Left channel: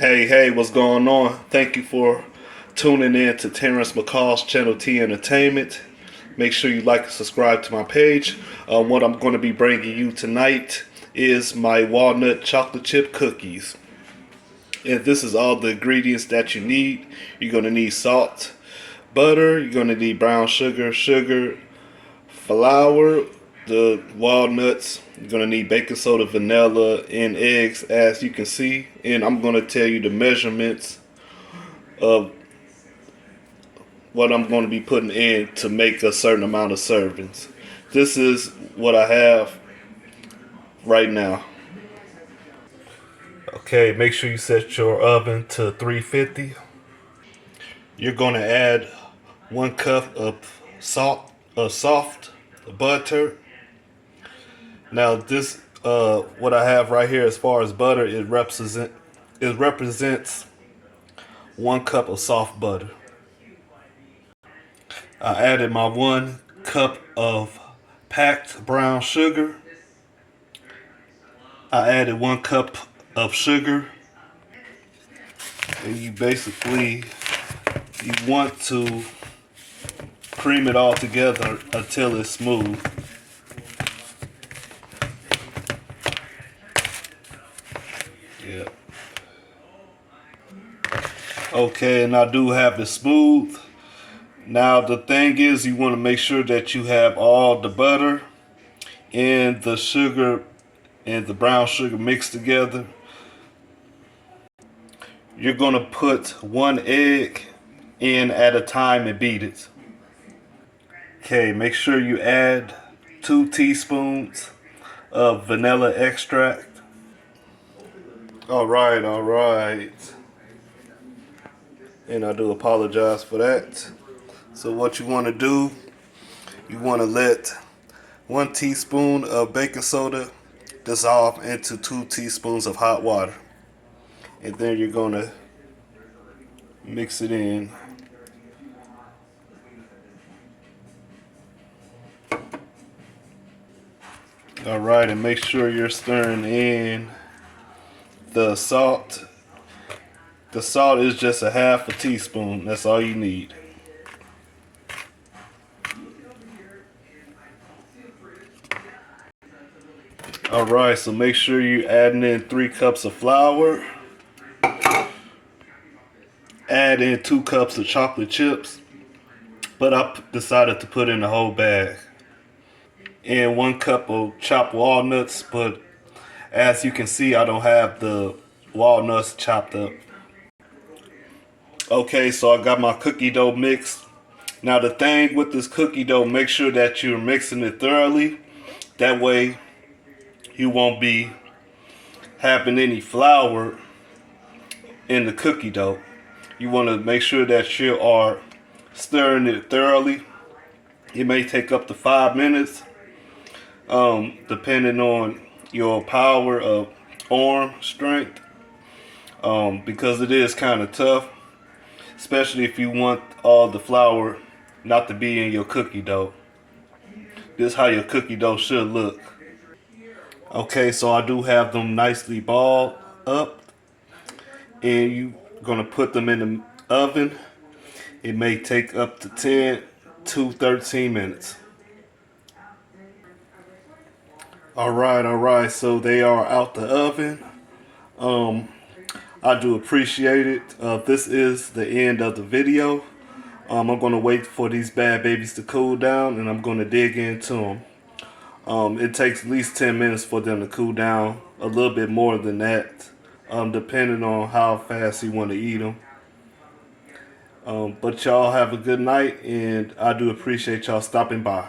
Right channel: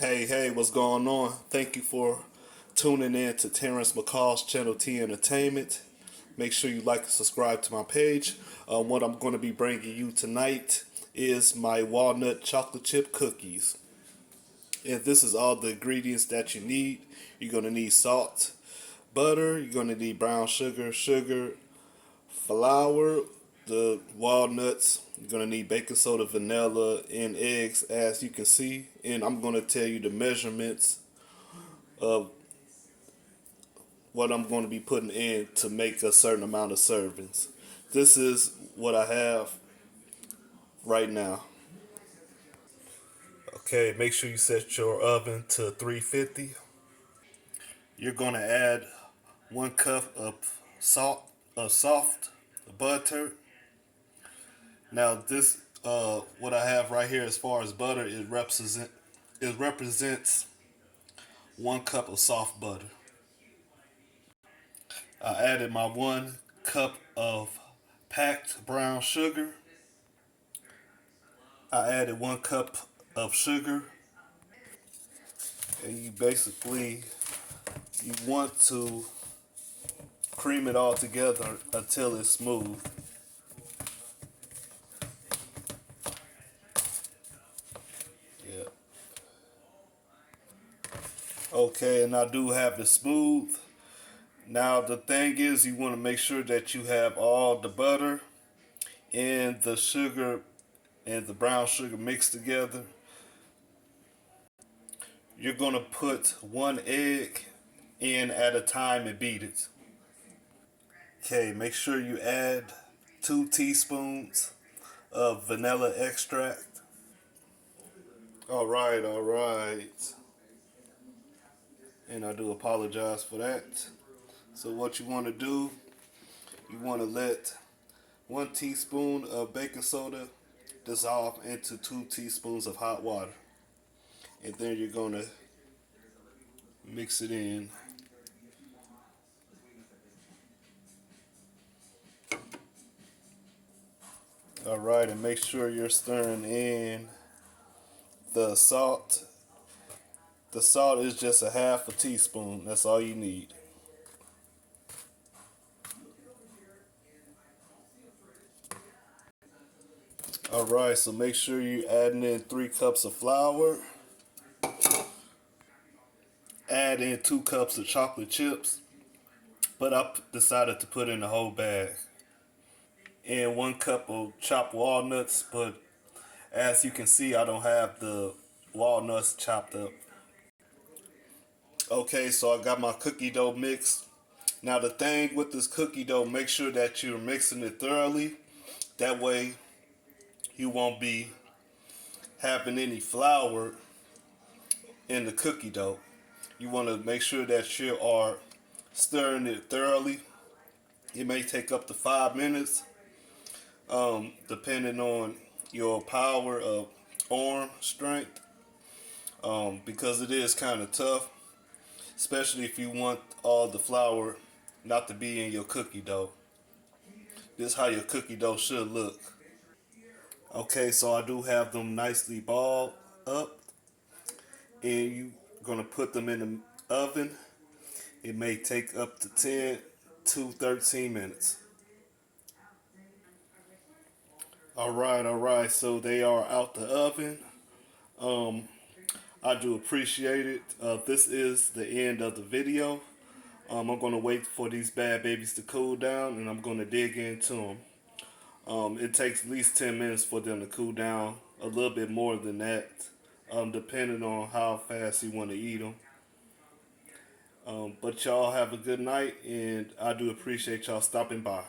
Hey, what's going on? Thank you for tuning in to Terrence McCall's Channel T Entertainment. Make sure you like and subscribe to my page. What I'm going to be bringing you tonight is my walnut chocolate chip cookies. And this is all the ingredients that you need. You're going to need salt, butter, you're going to need brown sugar, flour, the walnuts. You're going to need baking soda, vanilla, and eggs, as you can see. And I'm going to tell you the measurements of what I'm going to be putting in to make a certain amount of servings. This is what I have right now. Okay, make sure you set your oven to 350. You're going to add 1 cup of soft butter. Now this, what I have right here as far as butter, it represents 1 cup of soft butter. I added my 1 cup of packed brown sugar. I added 1 cup of sugar. And you want to cream it all together until it's smooth. Yeah. Okay, and I do have it smooth. Now the thing is, you want to make sure that you have all the butter and the sugar and the brown sugar mixed together. You're going to put 1 egg in at a time and beat it. Okay, make sure you add 2 teaspoons of vanilla extract. All right. And I do apologize for that. So what you want to do, you want to let 1 teaspoon of baking soda dissolve into 2 teaspoons of hot water. And then you're going to mix it in. All right, and make sure you're stirring in the salt. The salt is just a half a teaspoon. That's all you need. All right, so make sure you're adding in 3 cups of flour. Add in 2 cups of chocolate chips, but I decided to put in the whole bag. And 1 cup of chopped walnuts, but as you can see, I don't have the walnuts chopped up. Okay, so I got my cookie dough mixed. Now the thing with this cookie dough, make sure that you're mixing it thoroughly. That way you won't be having any flour in the cookie dough. You want to make sure that you are stirring it thoroughly. It may take up to 5 minutes, depending on your power of arm strength, because it is kind of tough, especially if you want all the flour not to be in your cookie dough. This is how your cookie dough should look. Okay, so I do have them nicely balled up, and you're gonna put them in the oven. It may take up to 10 to 13 minutes. All right, so they are out the oven. I do appreciate it. This is the end of the video. I'm gonna wait for these bad babies to cool down, and I'm gonna dig into them. It takes at least 10 minutes for them to cool down, a little bit more than that, depending on how fast you want to eat them. But y'all have a good night, and I do appreciate y'all stopping by.